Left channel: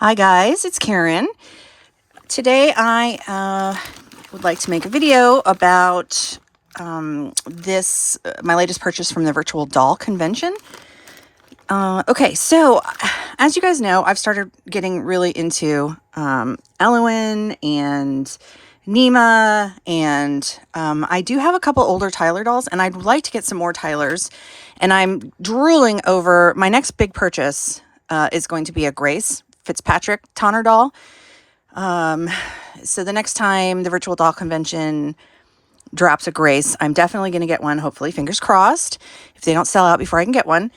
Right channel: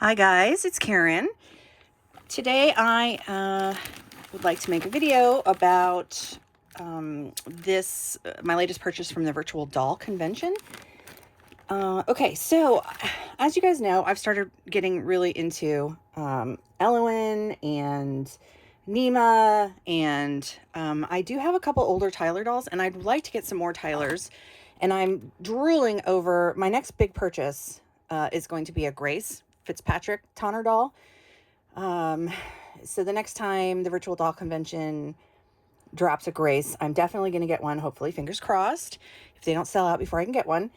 Hi guys, it's Karen. Today I would like to make a video about my latest purchase from the virtual doll convention. Okay, so as you guys know, I've started getting really into Elowen and Nima, and I do have a couple older Tyler dolls, and I'd like to get some more Tylers, and I'm drooling over my next big purchase. Is going to be a Grace Fitzpatrick Tonner doll. So the next time the virtual doll convention drops a Grace, I'm definitely going to get one, hopefully, fingers crossed, if they don't sell out before I can get one.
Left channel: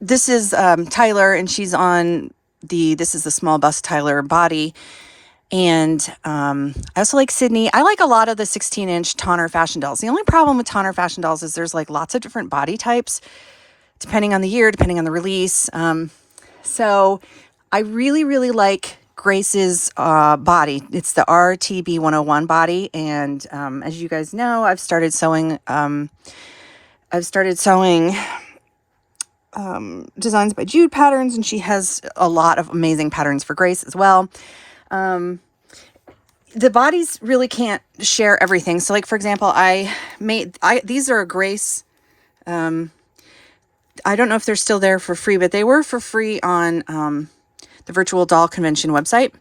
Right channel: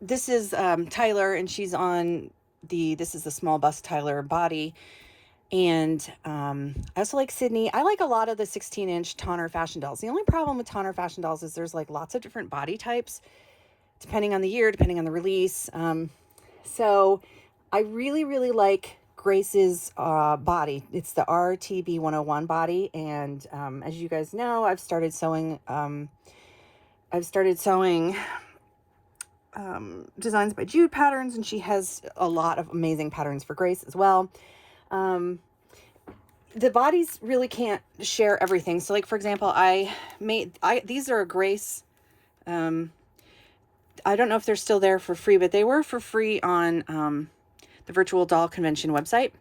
This is Tyler, and she's on this is the small bust Tyler body. And I also like Sydney. I like a lot of the 16-inch Tonner fashion dolls. The only problem with Tonner fashion dolls is there's like lots of different body types, depending on the year, depending on the release. So I really, really like Grace's body. It's the RTB 101 body. And as you guys know, I've started sewing Designs by Jude patterns, and she has a lot of amazing patterns for Grace as well. The bodies really can't share everything. So like, for example, these are a Grace, I don't know if they're still there for free, but they were for free on the virtual doll convention website.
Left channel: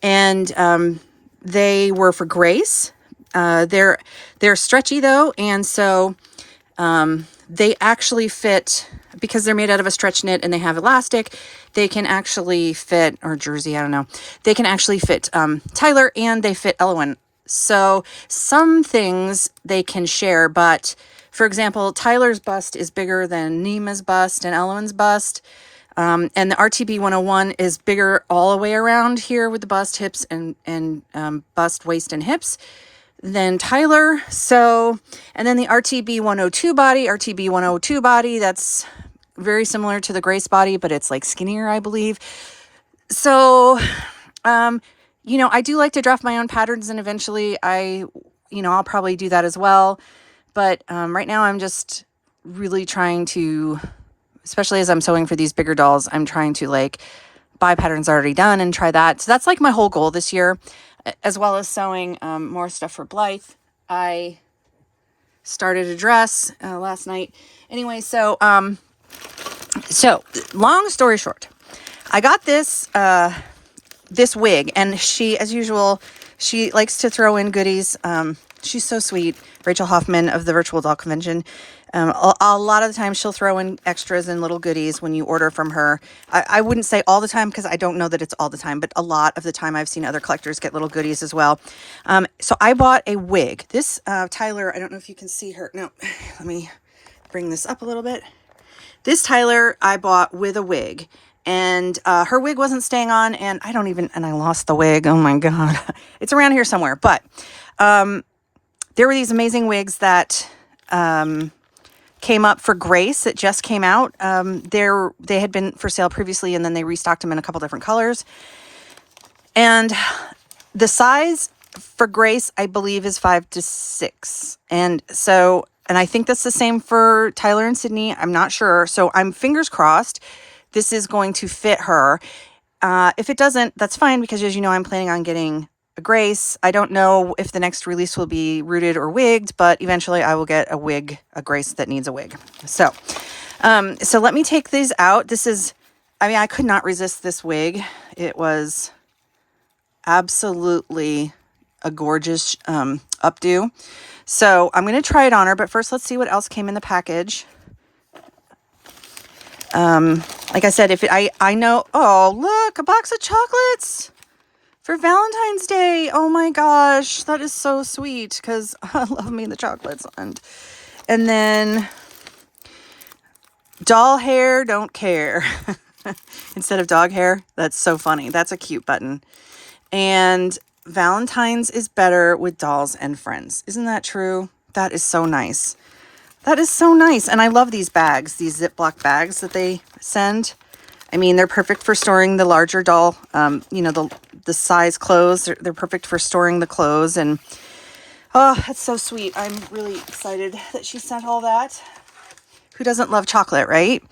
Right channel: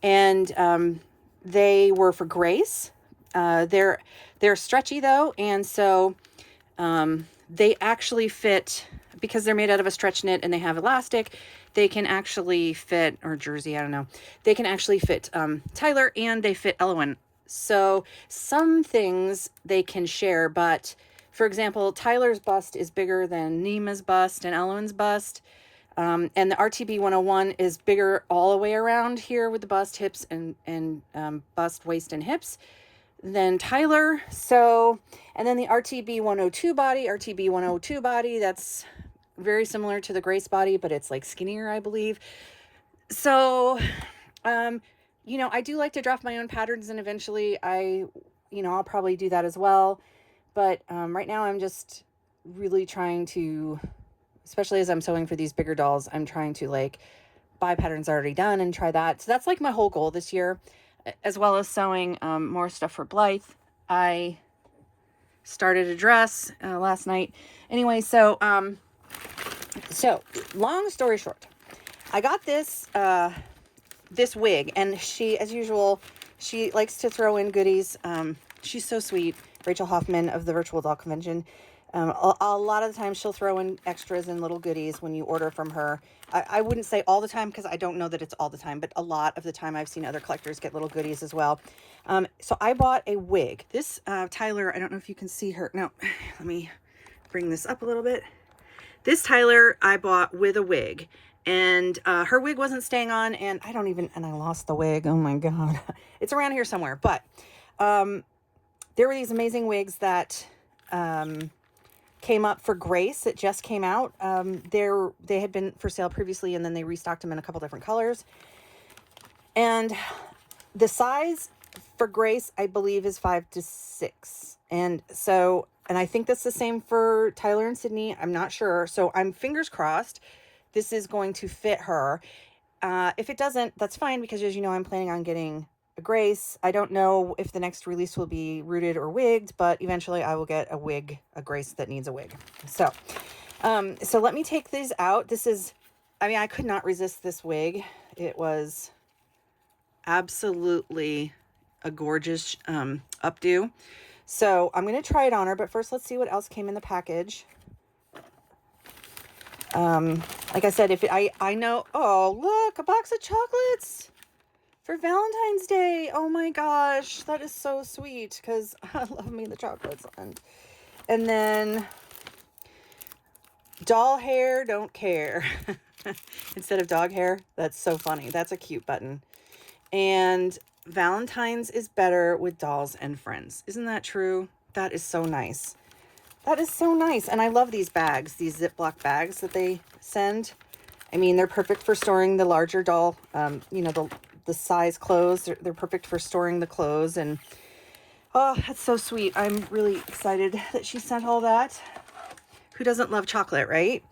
And they were for Grace. They're stretchy though, and so they actually fit, because they're made out of a stretch knit and they have elastic, they can actually fit, or jersey, I don't know. They can actually fit Tyler, and they fit Elowen. So some things they can share, but for example, Tyler's bust is bigger than Nima's bust and Elowen's bust. And the RTB 101 is bigger all the way around here with the bust, hips, and bust, waist, and hips than Tyler. So, and then the RTB 102 body, that's very similar to the Grace body, but it's like skinnier, I believe. So, I do like to draft my own patterns, and eventually I'll probably do that as well. But right now I'm just really trying to, especially as I'm sewing for these bigger dolls, I'm trying to like buy patterns already done and try that. So that's like my whole goal this year, as well as sewing more stuff for Blythe. I started a dress last night. Anyway, so long story short, I got this wig, and she, as usual, she likes to throw in goodies. She's so sweet, Rachel Hoffman of the Virtual Doll Convention. A lot of the time she'll throw in extras and little goodies when you order from her. I wouldn't say all the time, because I don't know that it's all the time, but a lot of the time I've seen other collectors get little goodies as well. So I bought a wig. This Tyler, I don't know if you can see her. No, let me bring this up a little bit. This Tyler I bought with a wig, and her wig wasn't staying on, and I lost the wig. Oh my God. It's around here somewhere, but there were these amazing wigs that came up for Grace that just came out. They had been for sale previously, and then they restocked them in a couple different colors. And the size for Grace, I believe, is 5 to 6. And I think that's the same for Tyler and Sydney. I'm not sure. So I'm fingers crossed this is going to fit her. If it doesn't, that's fine, because as you know, I'm planning on getting a Grace. I don't know if the next release will be rooted or wigged, but eventually I will get a Grace that needs a wig. So let me take these out. I could not resist this wig. It was absolutely a gorgeous updo. So I'm going to try it on her, but first let's see what else came in the package. Like I said, I know, oh, look, a box of chocolates for Valentine's Day. Oh my gosh, that is so sweet, because I love me the chocolates. And then doll hair, don't care. Instead of dog hair. That's so funny. That's a cute button. And Valentine's is better with dolls and friends. Isn't that true? That is so nice. That is so nice. And I love these bags, these Ziploc bags that they send. I mean, they're perfect for storing the larger doll, the size clothes. They're perfect for storing the clothes. And oh, that's so sweet. I'm really excited that she sent all that. Who doesn't love chocolate, right?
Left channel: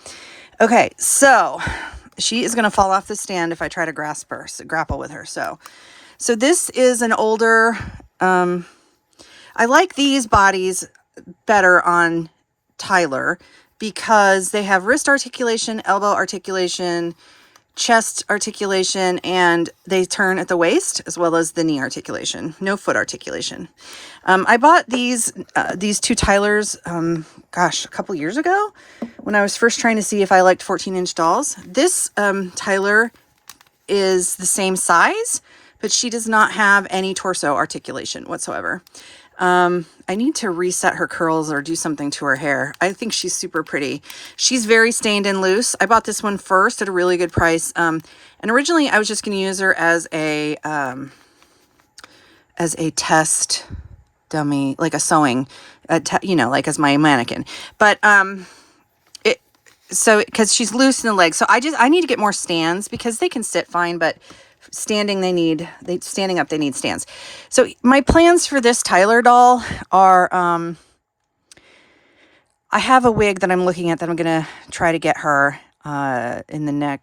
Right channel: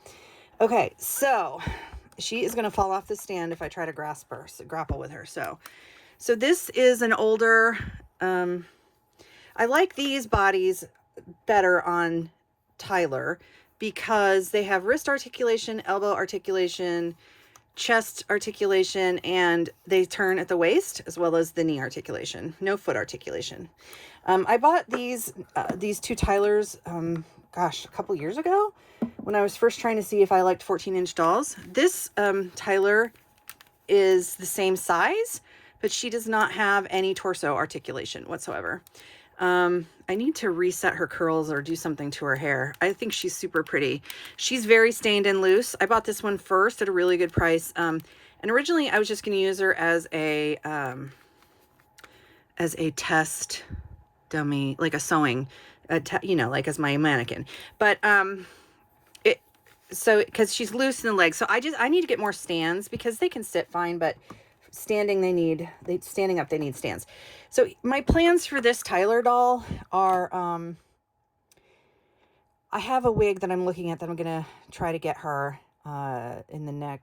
Okay, so she is going to fall off the stand if I try to grapple with her. So this is an older, I like these bodies better on Tyler because they have wrist articulation, elbow articulation, chest articulation, and they turn at the waist as well as the knee articulation. No foot articulation. I bought these two Tylers, gosh, a couple years ago when I was first trying to see if I liked 14-inch dolls. This Tyler is the same size, but she does not have any torso articulation whatsoever. I need to reset her curls or do something to her hair. I think she's super pretty. She's very stained and loose. I bought this one first at a really good price. And originally I was just going to use her as a test dummy, like a sewing, like as my mannequin. But, because she's loose in the legs. So I need to get more stands because they can sit fine, but standing standing up they need stands. So my plans for this Tyler doll are I have a wig that I'm looking at that I'm gonna try to get her in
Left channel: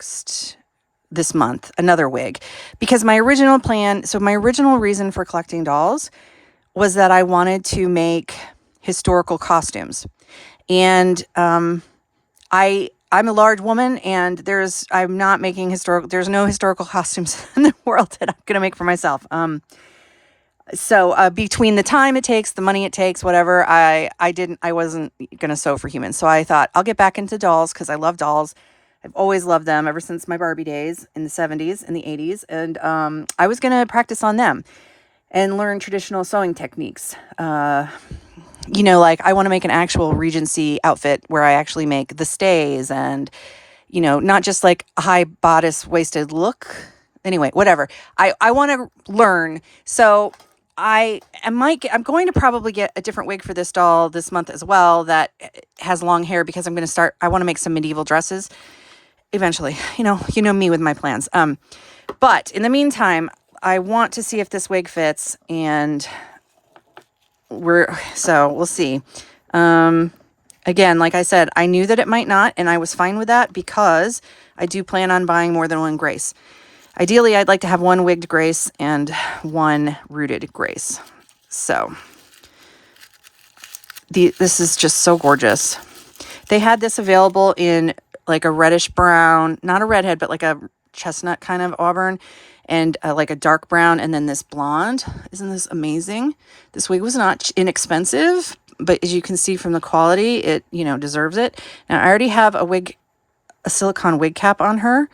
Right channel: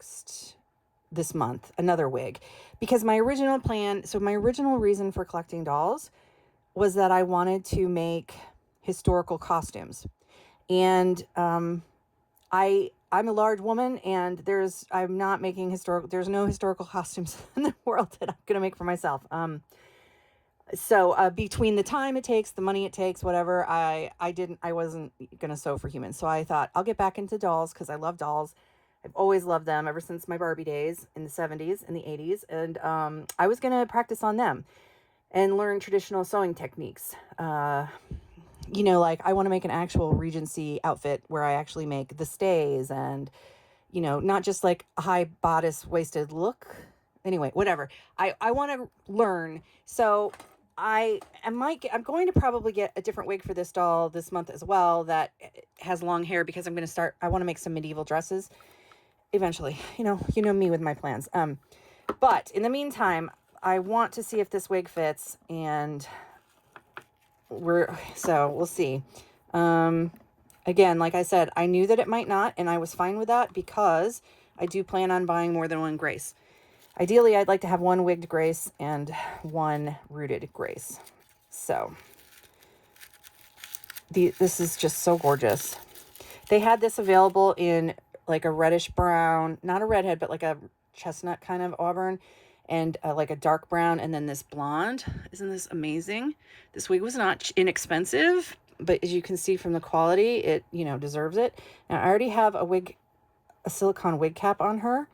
this month, another wig, because my original reason for collecting dolls was that I wanted to make historical costumes. And I'm a large woman, and I'm not making there's no historical costumes in the world that I'm going to make for myself. So between the time it takes, the money it takes, whatever, I wasn't going to sew for humans. So I thought I'll get back into dolls because I love dolls. I've always loved them ever since my Barbie days in the 70s and the 80s. And I was going to practice on them and learn traditional sewing techniques. Like I want to make an actual Regency outfit where I actually make the stays and, not just like a high bodice waisted look. Anyway, whatever. I want to learn. So I'm going to probably get a different wig for this doll this month as well that has long hair because I want to make some medieval dresses eventually. You know me with my plans. But in the meantime, I want to see if this wig fits, and we'll see. Again, like I said, I knew that it might not, and I was fine with that because I do plan on buying more than one Grace. Ideally, I'd like to have one wigged Grace and one rooted Grace. So this is just so gorgeous. They had this available in like a reddish brown, not a redhead, but like a chestnut kind of auburn, and like a dark brown, and then this blonde. Isn't this amazing? This wig was not inexpensive, but as you can see from the quality, it, deserves it. Now I already have a silicone wig cap on her.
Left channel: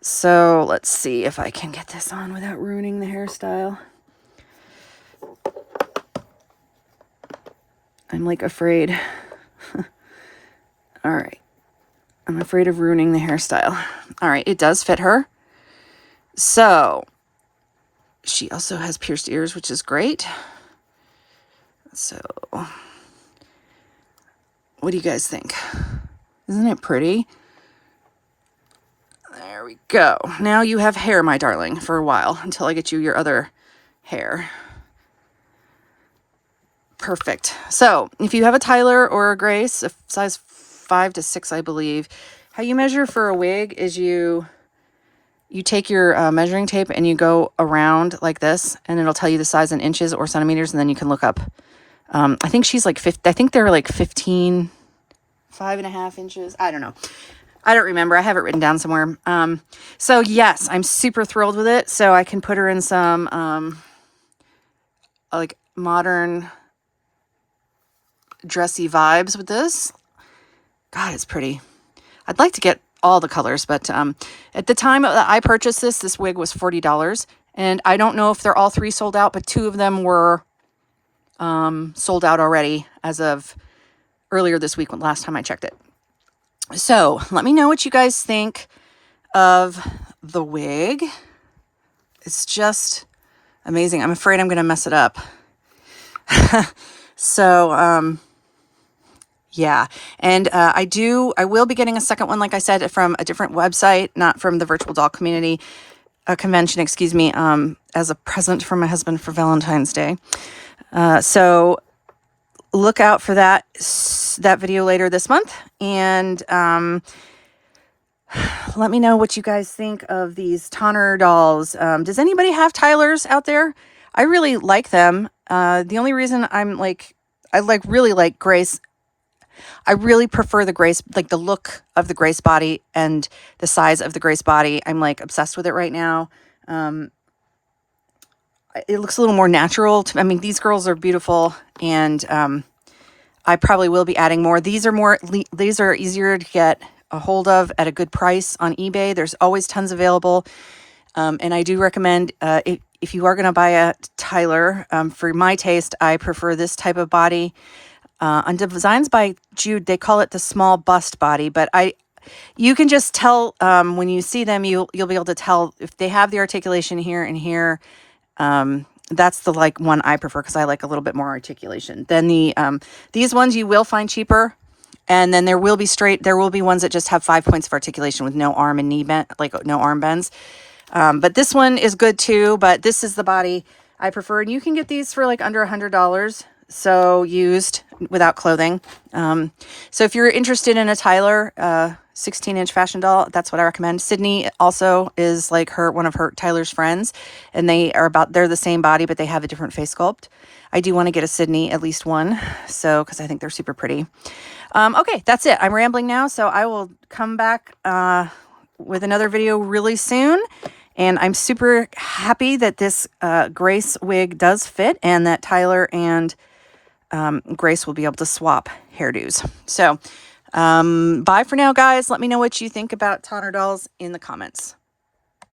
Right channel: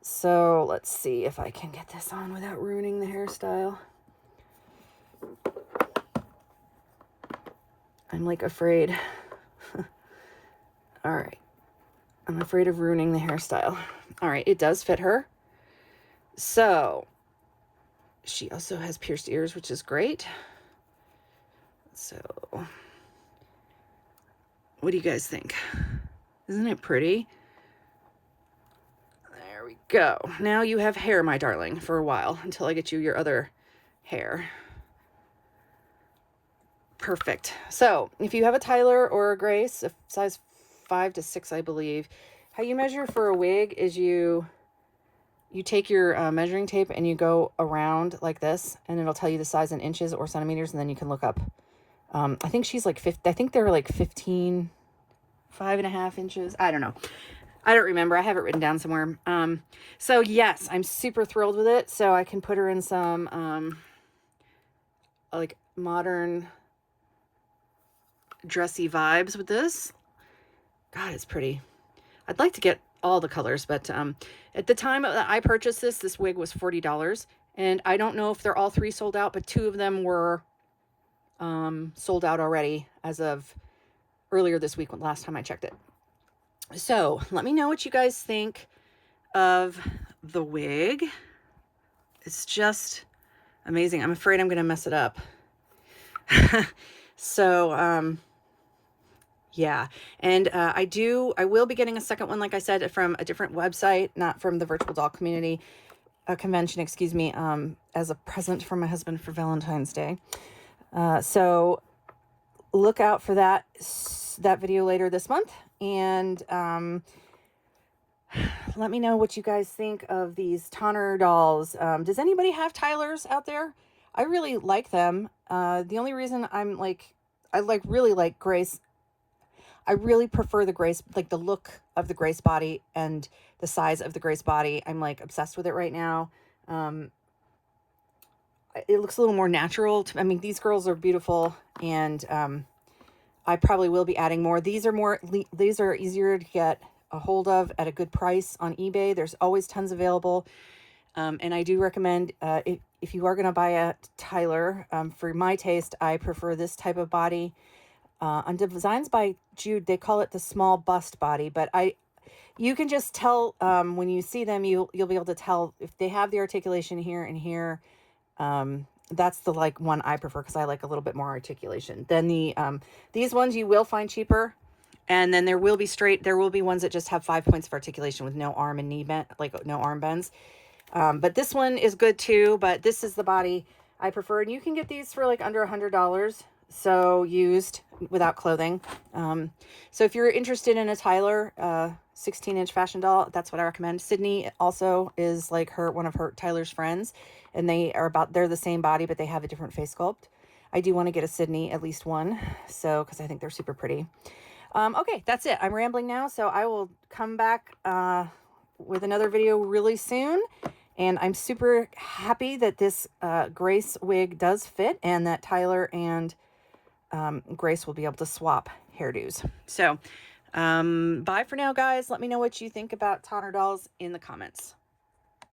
So let's see if I can get this on without ruining the hairstyle. I'm like afraid. All right. I'm afraid of ruining the hairstyle. All right. It does fit her. So she also has pierced ears, which is great. So what do you guys think? Isn't it pretty? There we go. Now you have hair, my darling, for a while until I get you your other hair. Perfect. So if you have a Tyler or a Grace, a size 5 to 6, I believe, how you measure for a wig is you take your measuring tape and you go around like this, and it'll tell you the size in inches or centimeters, and then you can look up. I think she's like 50. I think they're like 15, 5.5 inches. I don't know. I don't remember. I have it written down somewhere. So yes, I'm super thrilled with it. So I can put her in some like modern dressy vibes with this. God, it's pretty. I'd like to get all the colors, but at the time that I purchased this wig was $40, and I don't know if they're all 3 sold out, but 2 of them were sold out already as of earlier this week, last time I checked it. So let me know what you guys think of the wig. It's just amazing. I'm afraid I'm going to mess it up. So, yeah. And I will be getting a second one, like I said, from a different website, not from the Virtual Doll Community Convention, excuse me, as a present for my husband for Valentine's Day. So look out for that video later this month. And Let me know what you guys think of these Tonner dolls. Does anybody have Tylers out there? I really like them. The only reason I really like Grace. I really prefer the Grace, like the look of the Grace body and the size of the Grace body. I'm like obsessed with it right now. It looks a little more natural. I mean, these girls are beautiful, and I probably will be adding more. These are easier to get a hold of at a good price on eBay. There's always tons available. And I do recommend, if you are going to buy a Tyler, for my taste, I prefer this type of body. On Designs by Jude, they call it the small bust body, but you can just tell when you see them, you'll be able to tell if they have the articulation here and here. That's the one I prefer because I like a little bit more articulation. Then these ones you will find cheaper, and then there will be ones that just have 5 points of articulation with no arm and knee bend, like no arm bends. But this one is good too, but this is the body I prefer. And you can get these for like under $100. So used without clothing. So if you're interested in a Tyler, 16-inch fashion doll, that's what I recommend. Sydney also is like one of her Tyler's friends, and they're the same body, but they have a different face sculpt. I do want to get a Sydney, at least one, because I think they're super pretty. Okay, that's it. I'm rambling now, so I will come back with another video really soon. And I'm super happy that this Grace wig does fit, and that Tyler and Grace will be able to swap hairdos. So bye for now, guys. Let me know what you think about Tonner dolls in the comments.